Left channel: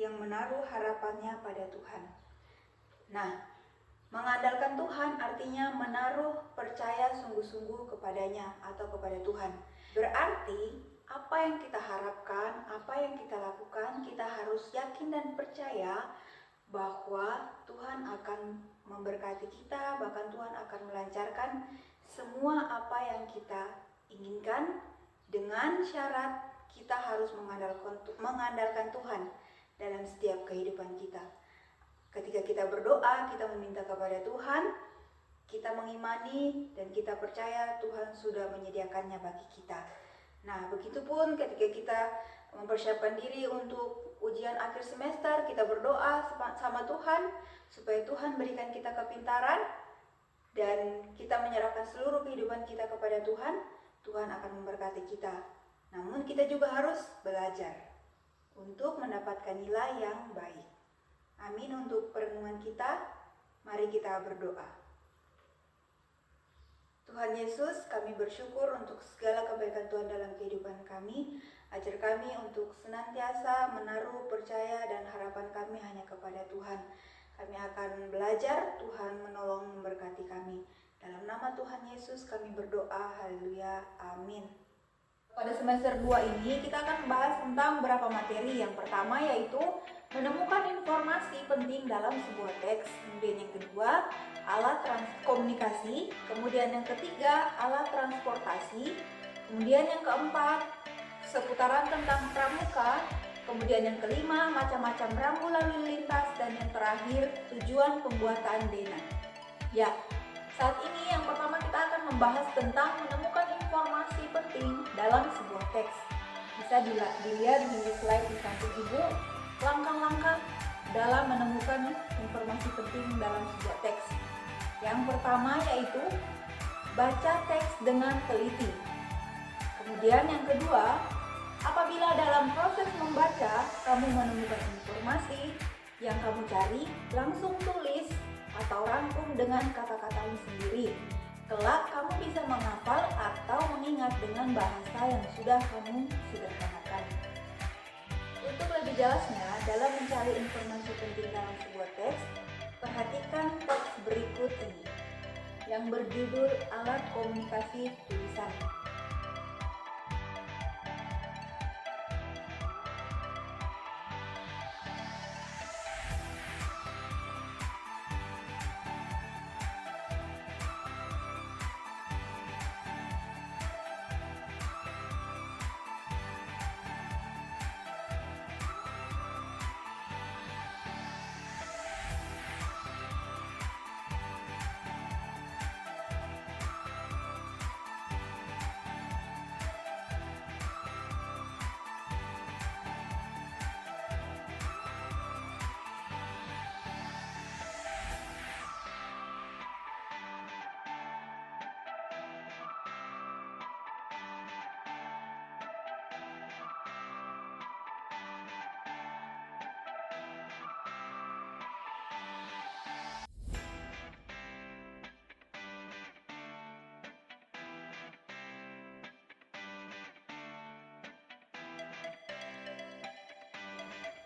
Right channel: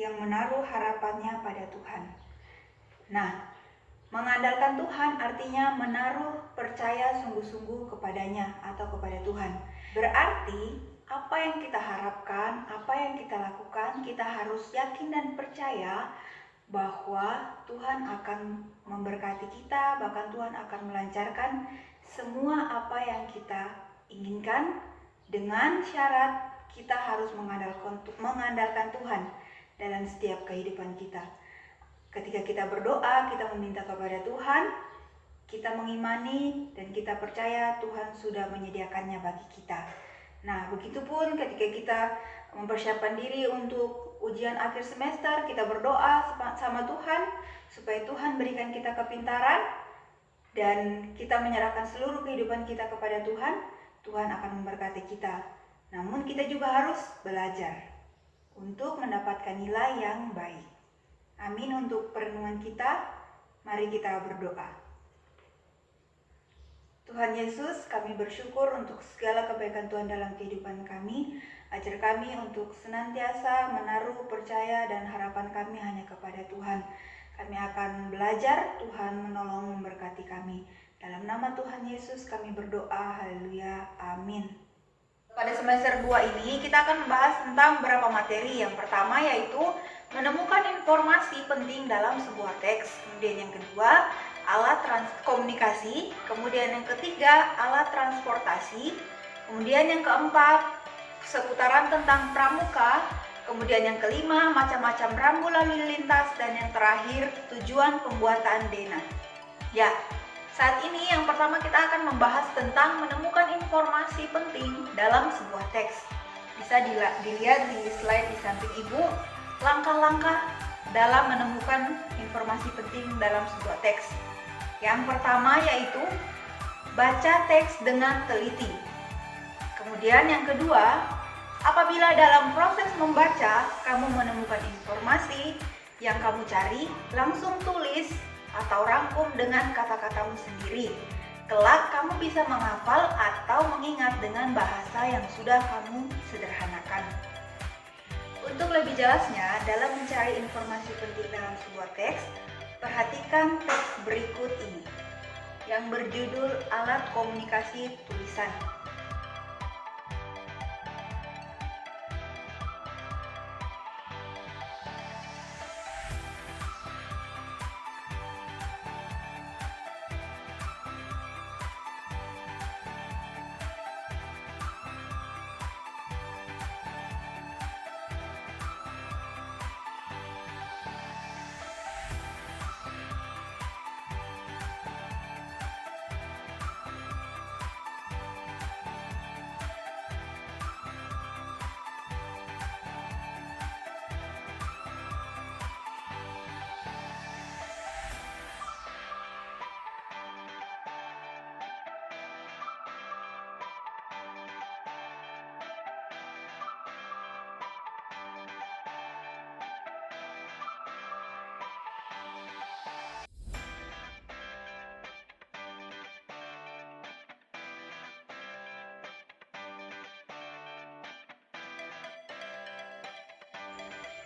yang menaruh harapannya pada Tuhan. Nah, mengandalkan Tuhan artinya menaruh percaya sungguh-sungguh kepadanya atau kepada Tuhan. Berarti apa yang kita harapkan, apa yang kita lakukan, kita harus yakin dan percaya bahwa Tuhan akan memberkati kita, bahkan Tuhan akan melancarkan semua apa yang kita inginkan, dengan syarat kita harus mengandalkan Tuhan dalam setiap kehidupan kita. Ketika kita berdoa, kita meminta kepada Tuhan, kita mengimani dan kita percaya Tuhan sudah menyediakannya bagi kita. Nah, begitupun ketika kita mempersiapkan diri untuk ujian akhir semester, kita berdoa sama Tuhan supaya Tuhan berikan kita kepintaran dan kita menyerahkan seluruh kehidupan kita kepada Tuhan. Tuhan akan memberkati kita. Namun kita juga harus belajar untuk mendapatkan nilai yang baik. Amin. Untuk perenungan kita, mari kita berdoa. Tuhan Yesus, kami bersyukur untuk segala kebaikan Tuhan dalam kehidupan kami. Ajar kami untuk senantiasa menaruh percaya dan harapan kami hanya kepada Tuhan. Kami akan belajar, Tuhan menolong memberkati kami. Dalam nama Tuhan Yesus kami berdoa, haleluya, amin. Pada semester 2 ini kita akan membahas tentang beberapa materi. Yang pertama yaitu menemukan informasi penting dalam sebuah teks. Kemudian yang kedua, alat komunikasi. Kemudian yang ketiga, alat transportasi. Kemudian yang keempat, seputaran tentang pramuka. Kemudian yang kelima, macam-macam rambu lalu lintas. Dan yang terakhir, tujuan pembuatan dena. Ya, saat ini yang pertama kita akan membahas tentang menemukan informasi penting dalam sebuah teks. Bisa dilihat di slide di samping Ibu, langkah-langkah dalam menemukan informasi penting dalam sebuah teks. Yang pertama yaitu baca teks dengan teliti. Kemudian yang kedua, apabila dalam proses membaca kamu menemukan informasi yang kamu cari, langsung tulis atau rangkum dengan kata-katamu sendiri. Kelak kamu bisa menghafal atau mengingat dengan bahasa yang sudah kamu sederhanakan. Untuk lebih jelasnya, dalam mencari informasi penting dalam sebuah teks, perhatikan teks berikut ini yang berjudul alat komunikasi tulisan.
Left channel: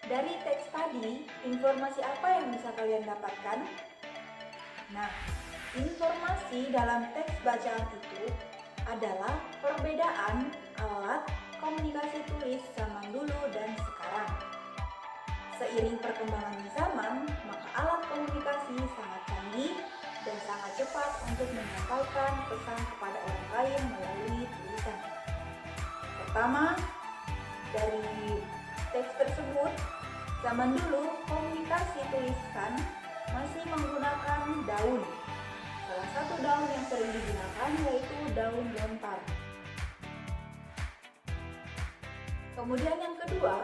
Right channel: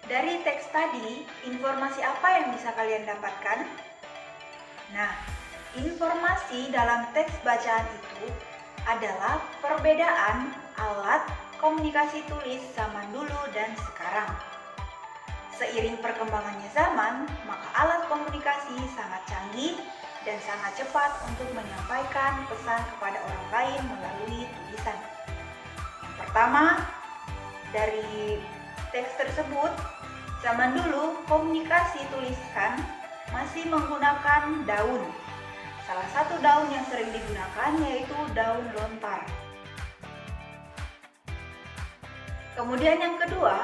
Dari teks tadi, informasi apa yang bisa kalian dapatkan? Nah, informasi dalam teks bacaan itu adalah perbedaan alat komunikasi tulis zaman dulu dan sekarang. Seiring perkembangannya zaman, maka alat komunikasi sangat canggih dan sangat cepat untuk menyampaikan pesan kepada orang lain melalui tulisan. Yang pertama, dari teks tersebut, zaman dulu komunikasi tulisan masih menggunakan daun. Salah satu daun yang sering digunakan yaitu daun lontar. Kemudian yang kedua,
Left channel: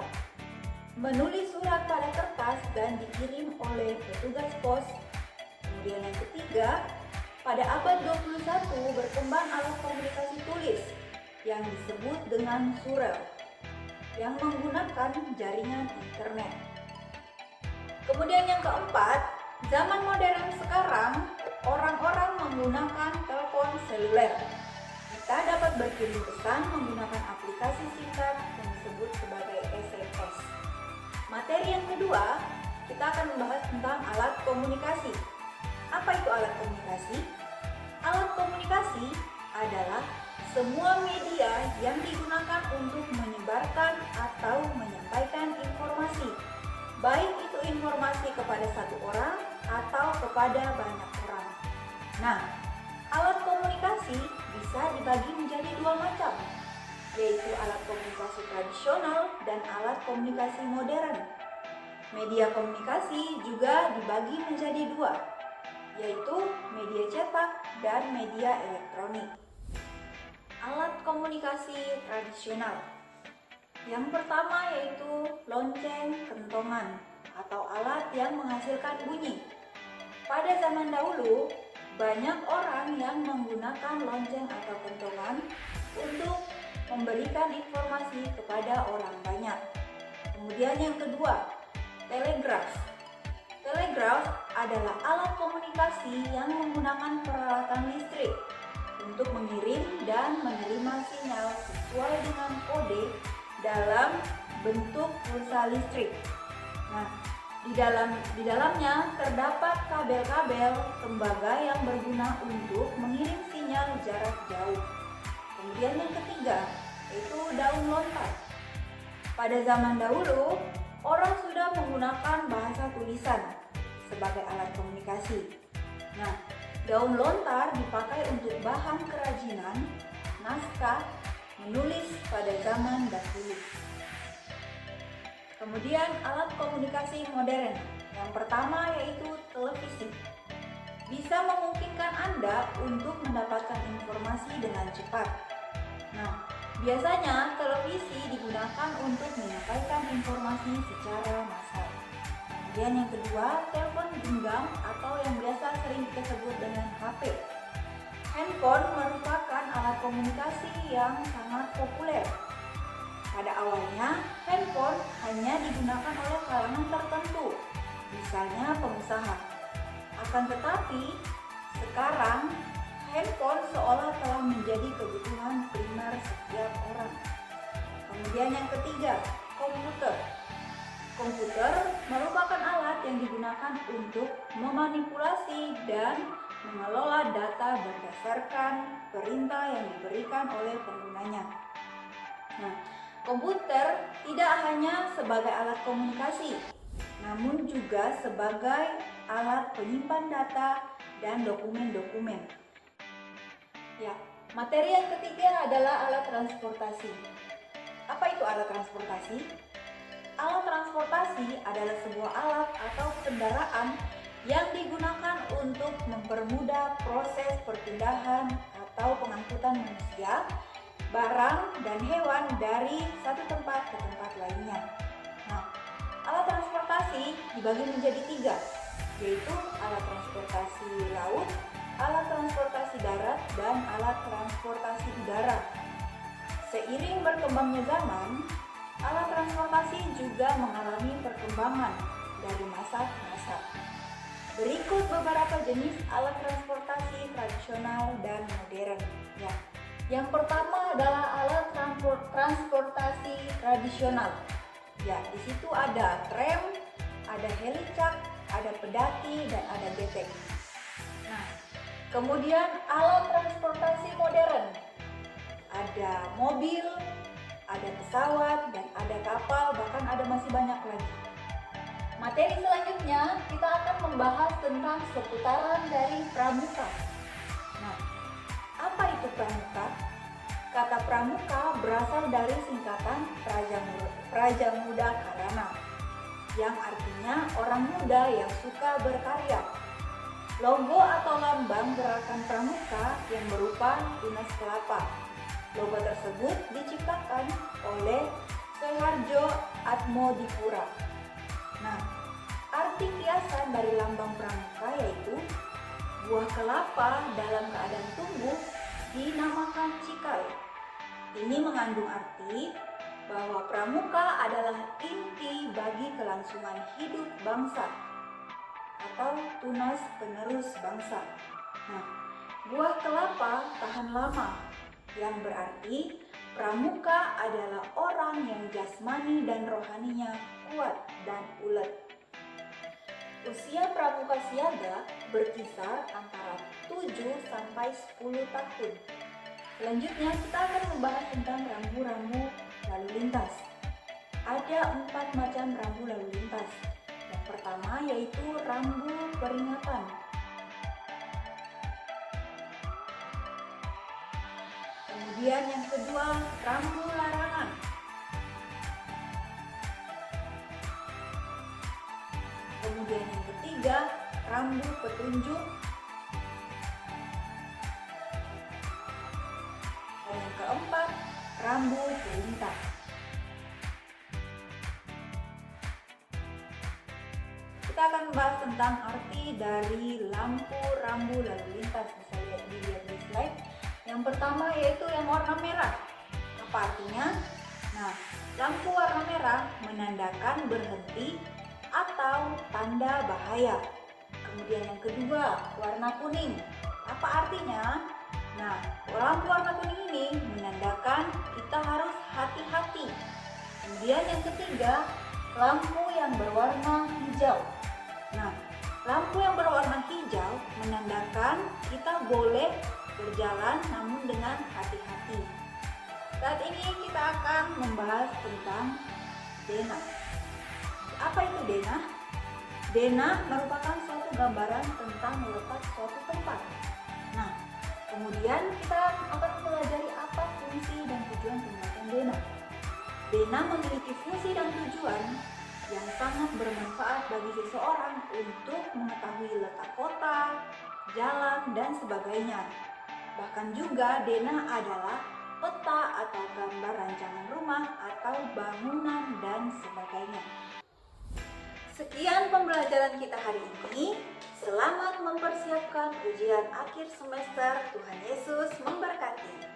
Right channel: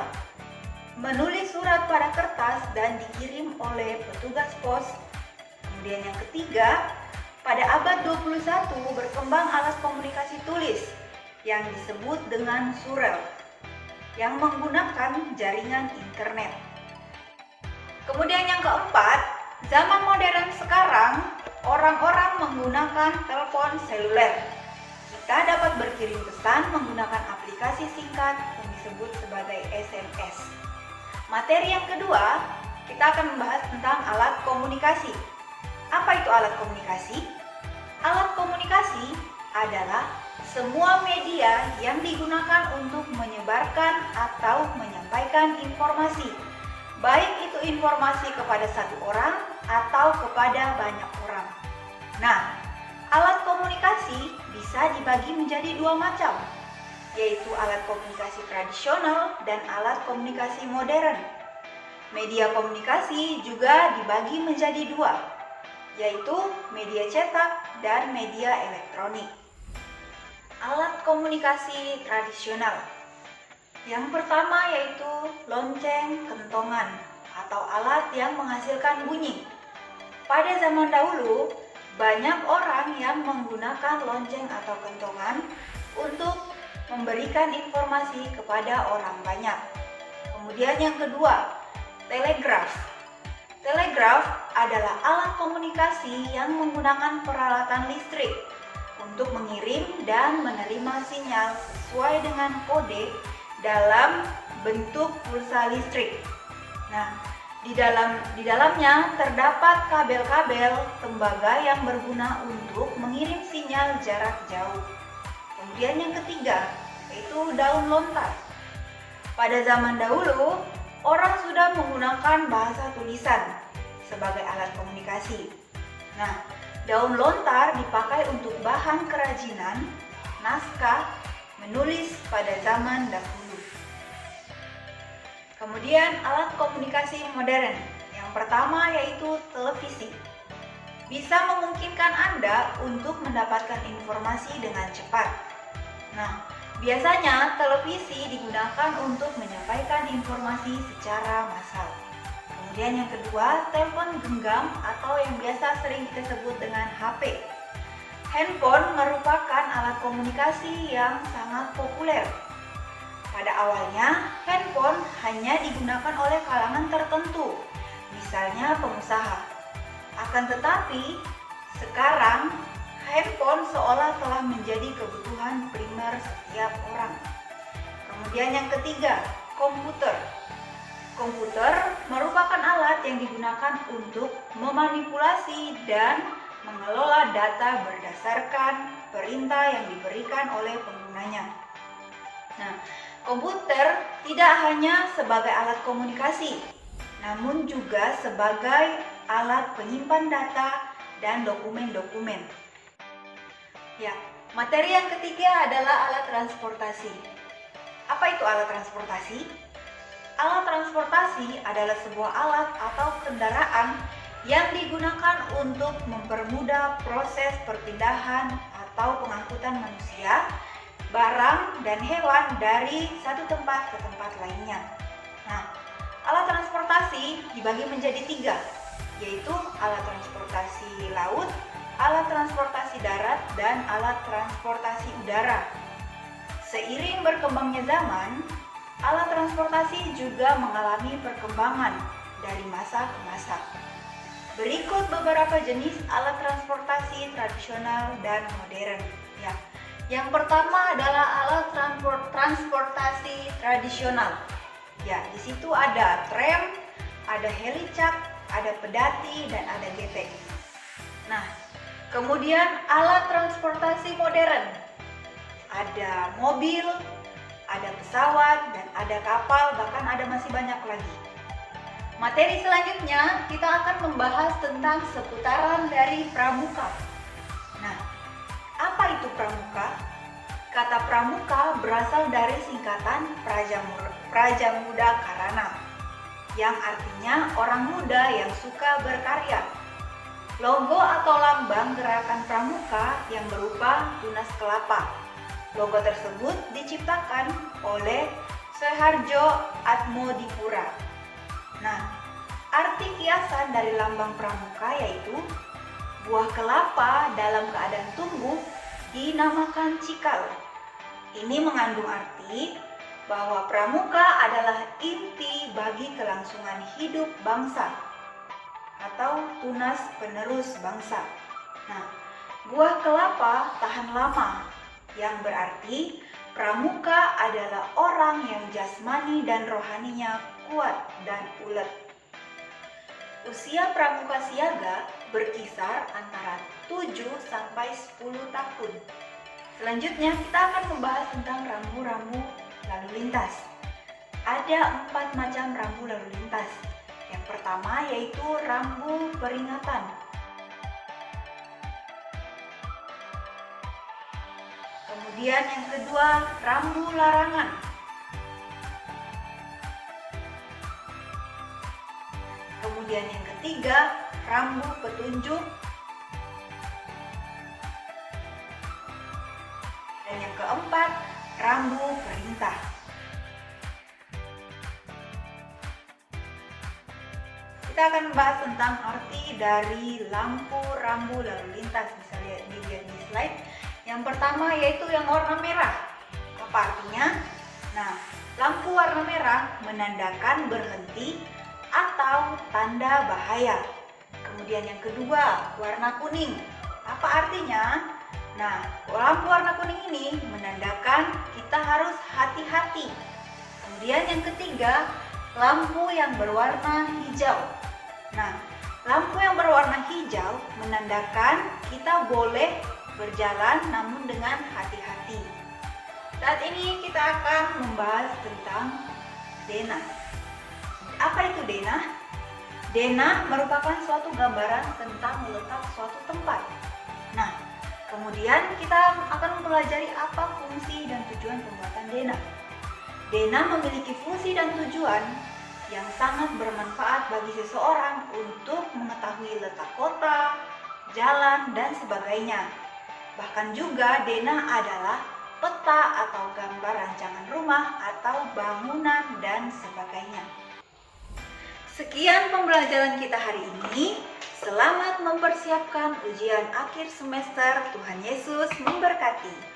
menulis surat pada kertas dan dikirim oleh petugas pos. Kemudian yang ketiga, pada abad 21 berkembang alat komunikasi tulis yang disebut dengan surel, yang menggunakan jaringan internet. Kemudian yang keempat, zaman modern sekarang orang-orang menggunakan telepon seluler. Kita dapat berkirim pesan menggunakan aplikasi singkat yang disebut sebagai SMS. Materi yang kedua, kita akan membahas tentang alat komunikasi. Apa itu alat komunikasi? Alat komunikasi adalah semua media yang digunakan untuk menyebarkan atau menyampaikan informasi, baik itu informasi kepada satu orang atau kepada banyak orang. Nah, alat komunikasi bisa dibagi menjadi dua macam, yaitu alat komunikasi tradisional dan alat komunikasi modern. Media komunikasi juga dibagi menjadi dua, yaitu media cetak dan media elektronik. Alat komunikasi tradisional. Yang pertama yaitu lonceng kentongan atau alat yang menghasilkan bunyi. Pada zaman dahulu, banyak orang yang menggunakan lonceng atau kentongan untuk memberikan informasi kepada orang banyak. Kemudian yang kedua, telegraf. Telegraf adalah alat komunikasi yang menggunakan peralatan listrik untuk mengirim dan menerima sinyal sesuai dengan kode dalam bentuk pulsa listrik. Nah, di dalamnya terdapat kabel-kabel tembaga yang berguna untuk mengirim sinyal jarak jauh. Kemudian yang ketiga, yaitu daun lontar. Pada zaman dahulu, orang sudah menggunakan bahasa tulisan sebagai alat komunikasi. Nah, daun lontar dipakai untuk bahan kerajinan, naskah, menulis pada zaman dahulu. Kemudian alat komunikasi modern. Yang pertama yaitu televisi. Bisa memungkinkan Anda untuk mendapatkan informasi dengan cepat. Nah, biasanya televisi digunakan untuk menyampaikan informasi secara massal. Kemudian yang kedua, telepon genggam atau yang biasa sering kita sebut dengan HP. Handphone merupakan alat komunikasi yang sangat populer. Pada awalnya, handphone hanya digunakan oleh kalangan tertentu, misalnya pengusaha. Akan tetapi, sekarang handphone seolah telah menjadi kebutuhan primer setiap orang. Kemudian yang ketiga, komputer. Komputer merupakan alat yang digunakan untuk memanipulasi dan mengelola data berdasarkan perintah yang diberikan oleh penggunanya. Nah, komputer tidak hanya sebagai alat komunikasi, namun juga sebagai alat penyimpan data dan dokumen-dokumen. Ya, materi yang ketiga adalah alat transportasi. Apa itu alat transportasi? Alat transportasi adalah sebuah alat atau kendaraan yang digunakan untuk mempermudah proses perpindahan atau pengangkutan manusia, barang, dan hewan dari satu tempat ke tempat lainnya. Nah, alat transportasi dibagi menjadi tiga, yaitu alat transportasi laut, alat transportasi darat, dan alat transportasi udara. Seiring berkembangnya zaman, alat transportasi juga mengalami perkembangan dari masa ke masa. Berikut beberapa jenis alat transportasi tradisional dan modern. Ya. Yang pertama adalah alat transportasi tradisional. Ya, di situ ada tram, ada helicak, ada pedati, dan ada getek. Nah, kemudian alat transportasi modern. Ada mobil, ada pesawat, dan ada kapal, bahkan ada masih banyak lagi. Materi selanjutnya kita akan membahas tentang seputaran dari pramuka. Nah, apa itu pramuka? Kata pramuka berasal dari singkatan Praja Muda Karana, yang artinya orang muda yang suka berkarya. Logo atau lambang gerakan pramuka yang berupa tunas kelapa. Logo tersebut diciptakan oleh Soeharjo Atmodipura. Nah, arti kiasan dari lambang pramuka yaitu buah kelapa dalam keadaan tumbuh dinamakan cikal. Ini mengandung arti bahwa pramuka adalah inti bagi kelangsungan hidup bangsa atau tunas penerus bangsa. Nah, buah kelapa tahan lama, yang berarti pramuka adalah orang yang jasmani dan rohaninya kuat dan ulet. Usia pramuka siaga berkisar antara 7 sampai 10 tahun. Selanjutnya kita akan membahas tentang rambu-rambu lalu lintas. Ada 4 macam rambu lalu lintas. Yang pertama yaitu rambu peringatan. Kemudian yang kedua, rambu larangan. Kemudian yang ketiga, rambu petunjuk. Dan yang keempat, rambu perintah. Kita akan membahas tentang arti dari lampu rambu lalu lintas. Bisa dilihat di slide. Yang pertama yaitu yang warna merah. Apa artinya? Nah, lampu warna merah menandakan berhenti atau tanda bahaya. Kemudian yang kedua, warna kuning. Apa artinya? Nah, lampu warna kuning ini menandakan kita harus hati-hati. Kemudian yang ketiga, lampu yang berwarna hijau. Nah, lampu yang berwarna hijau menandakan kita boleh berjalan namun dengan hati-hati. Saat ini kita akan membahas tentang denah. Apa itu denah? Denah merupakan suatu gambaran tentang letak suatu tempat. Nah, kemudian kita akan mempelajari apa fungsi dan tujuan pembuatan denah. Denah memiliki fungsi dan tujuan yang sangat bermanfaat bagi seseorang untuk mengetahui letak kota, jalan, dan sebagainya. Bahkan juga denah adalah peta atau gambar rancangan rumah atau bangunan dan sebagainya. Sekian pembelajaran kita hari ini. Selamat mempersiapkan ujian akhir semester. Tuhan Yesus memberkati.